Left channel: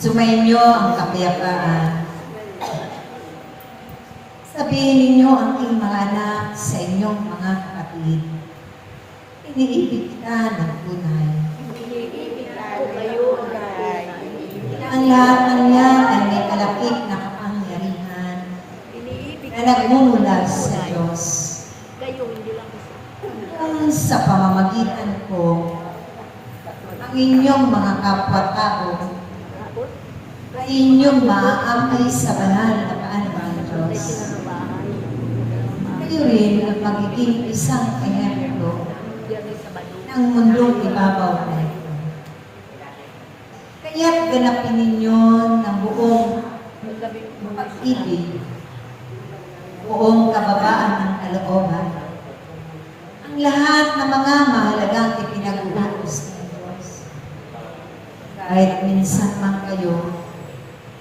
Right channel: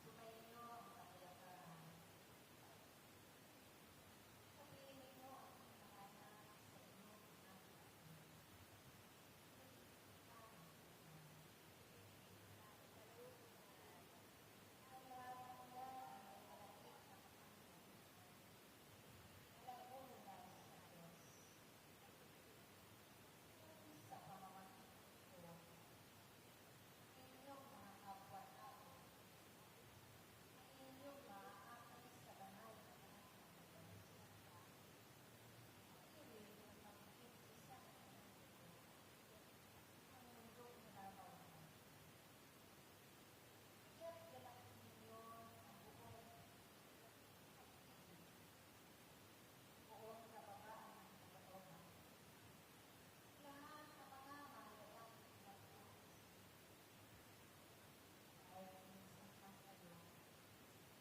Sumainyo ang kapayapaan. Sabihin ninyo ang aking mga anak sa inyong mga kapatid. Iniibig kita ng tunay. Iniibig ko kayo tunay. Ang lahat ng yan ay may kalapit na kapangyarihan na nagmumula sa Diyos. Kayo hindi lang isa. Kung sa pamamagitan ko, ang inyong mga kapwa-tao ay inyong maaamay sa banal na paan ng Diyos. Kayo rin ang magiging isang ehemplo ng mundong ibabaw na ito. Kaya't ganapin ninyo ng buong pag-ibig, buong kababaan ng kalooban, ang lahat ng mga mahalagang ipinag-uutos ng Diyos. Kahit minsan man kayo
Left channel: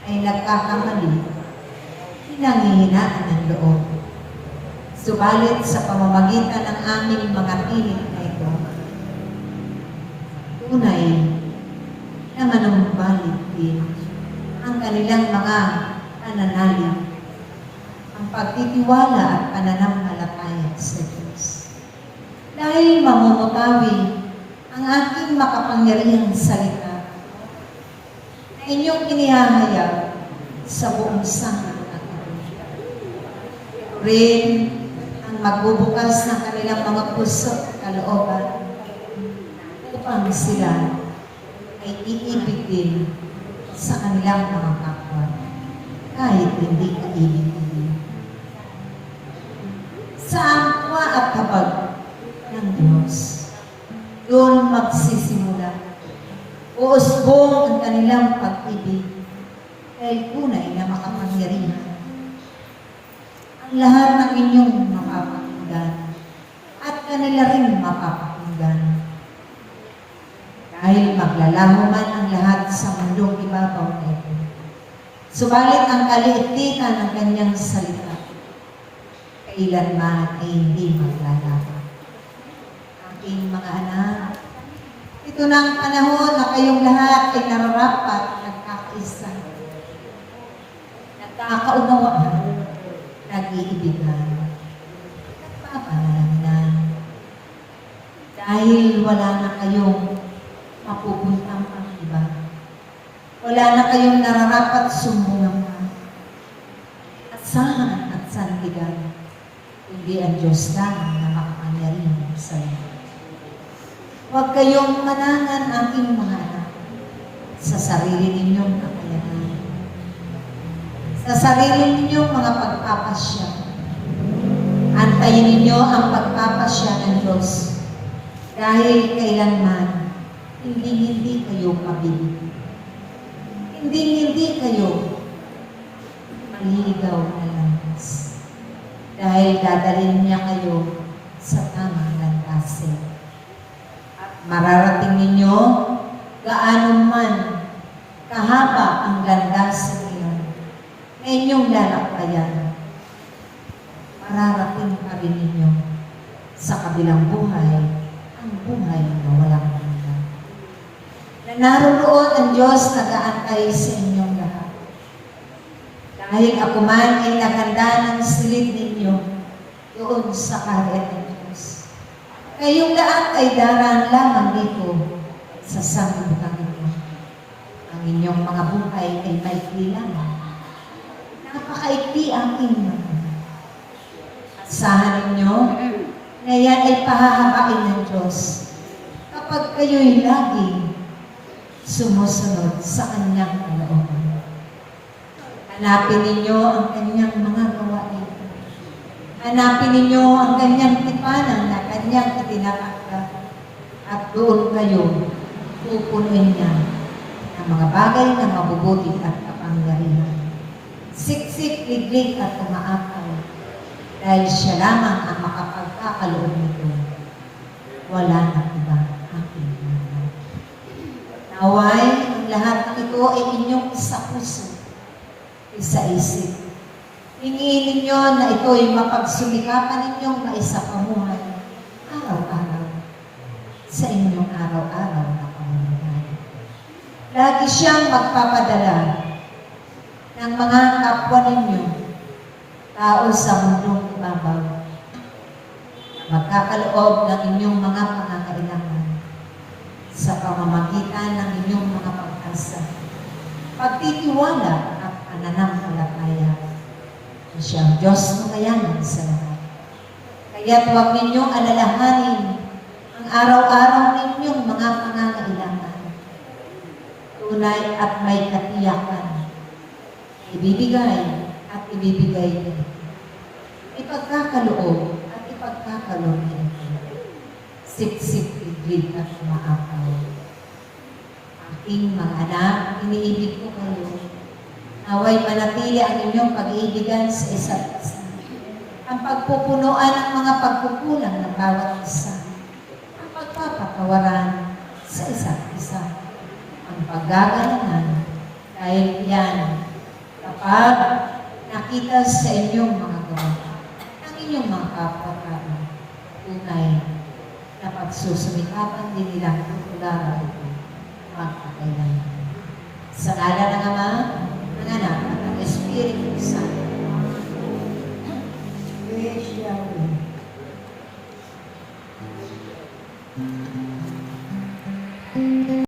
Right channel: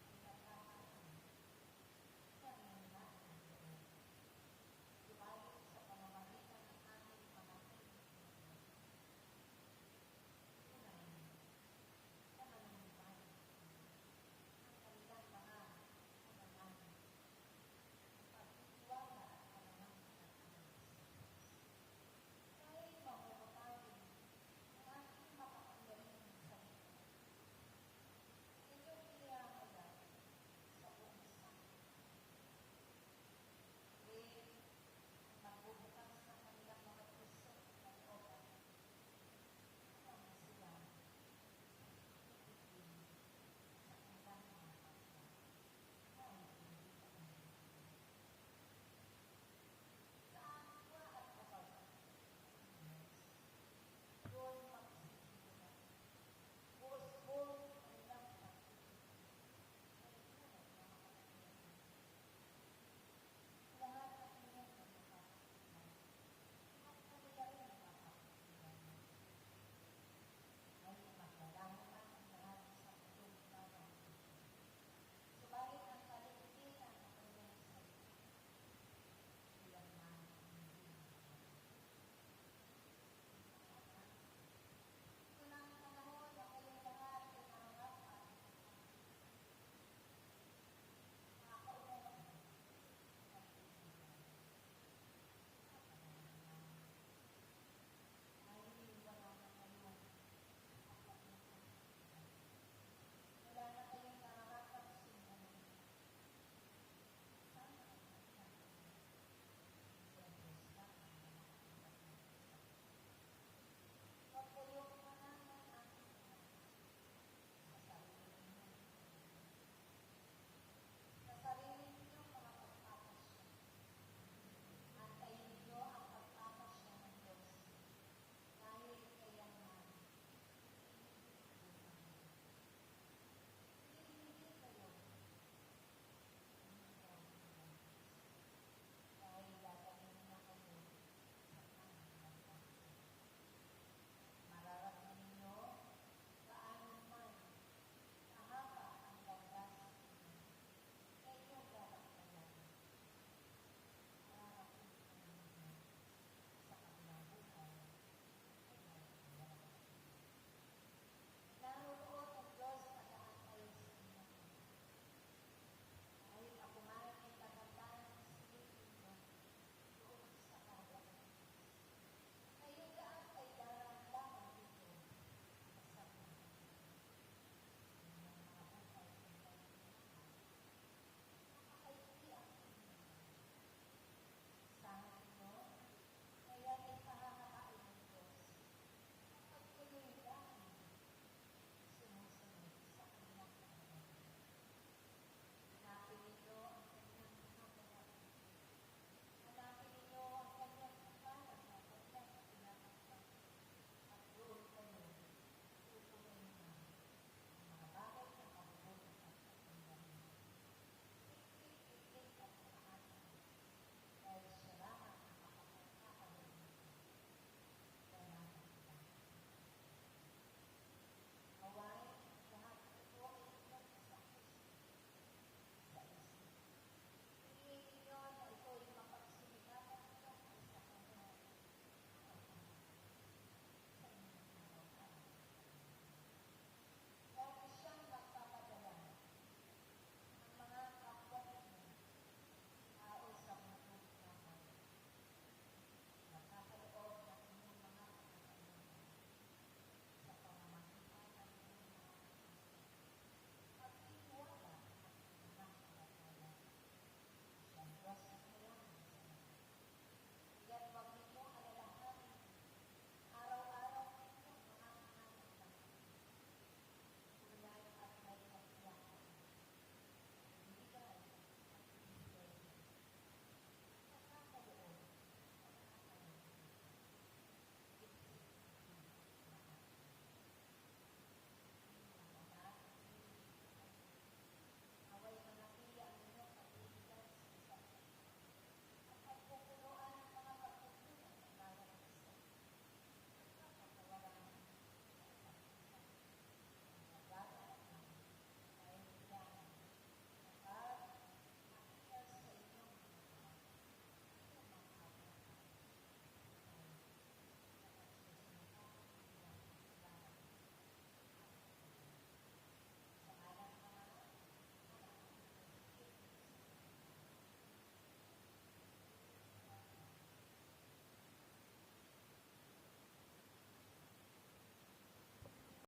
ay nagkakamali, hinanghihinaan ng loob. Subalit sa pamamagitan ng aming mga piling na ito, tunay na manumbalik din ang kanilang mga pananalig, ang pagtitiwala at pananampalataya sa Diyos. Dahil mamumutawi ang aking makapangyarihang salita, inyong inihahayag sa buong sanglibutan. Rin ang magbubukas ng kanilang mga puso at kalooban upang sila ay iibig din sa kanilang mga kapwa kahit hindi kaibig. Sa angkwa at habag ng Diyos, doon magsisimula uusbong ang kanilang pag-ibig dahil tunay na makapangyarihan. ang lahat ng inyong mapapakinggan at kanila rin mapapakinggan. Dahil maglalaho man ang lahat sa mundong ibabaw na ito. Subalit ang kaliitikan ng kanyang salita, kailanman ay hindi maglalaho. Aking mga anak, ito na ang panahon na kayong lahat ay nararapat nagkakaisa, nagkakaunawaan, nag-iibigan, nagpapanalangnan. Dahil wala na kayong mapupuntang ang iba. Wala na kayong nararapat sumbungan pa. Asahan at sandigan, kundi ang Diyos lang na makapangyarihan sa lahat. Huwag kayong manangan aking mga anak sa sarili ninyong kakayanan, sa sarili ninyong mga pagpapasya. Antayin ninyo ang pagpapasya ng Diyos dahil kailanman hindi kayo pabili. Hindi kayo maliligaw na landas. Dahil dadalhin niya kayo sa tamang landasin. At mararating ninyo gaano man kahaba ang landasin niyon na inyong lalakbayan. Mararating pa rin ninyo sa kabilang buhay ang buhay na walang hanggan. Na naroon ang Diyos nag-aantay sa inyong lahat. Dahil ako man ay naghanda ng silid ninyo doon sa kaharian ng Diyos. Kayong lahat ay daraan lamang dito sa sanglibutan ninyo. Ang inyong mga buhay ay maikli lamang. Napakaikli ang inyong. Asahan ninyo na yan ay pahahabain ng Diyos kapag kayo'y laging sumusunod sa kanyang kalooban. Hanapin ninyo ang kanyang mga gawain. Hanapin ninyo ang kanyang tipanan na kanyang itinatagda at doon kayo pupunuin niya ng mga bagay na mabubuti at kapangyarihan. Siksik, liglig at umaakaw dahil siya lamang ang makapagkakaloob nito. Wala na iba aking mga. Naway, ang lahat ng ito ay inyong isa puso, isa isip. Hingiin ninyo na ito ay mapagsumikapan ninyong maisapamuhay araw-araw sa inyong araw-araw na pamumuhay. Lagi siyang magpapadala ng mga kapwa ninyo, tao sa mundong ibabaw, magkakaloob ng inyong mga pangangailangan sa pamamagitan ng inyong mga pag-asa, pagtitiwala at pananampalataya na siyang Diyos makayanan sa lahat. Kaya't huwag ninyong alalahanin ang araw-araw ninyong mga pangangailangan. Tunay at may katiyakan. Ibibigay at ibibigay niyo. Ipagkakaloob at ipagkakaloob niyo. Siksik, iglig at maapaw. Aking mga anak, iniibig ko kayo. Naway manatili ang inyong pag-iibigan sa isa't isa. Ang pagpupunuan ng mga pagkukulang ng bawat isa. Ang pagpapatawaran sa isa't isa. Ang paggagalangan dahil yan kapag nakita sa inyong mga gawa, ang inyong mga kapwa-tao, tunay na pagsusumikapan din nilang tutularan ito magpakailangan. Sa ngalan ng Ama, ng Anak, at ng Espiritu Santo.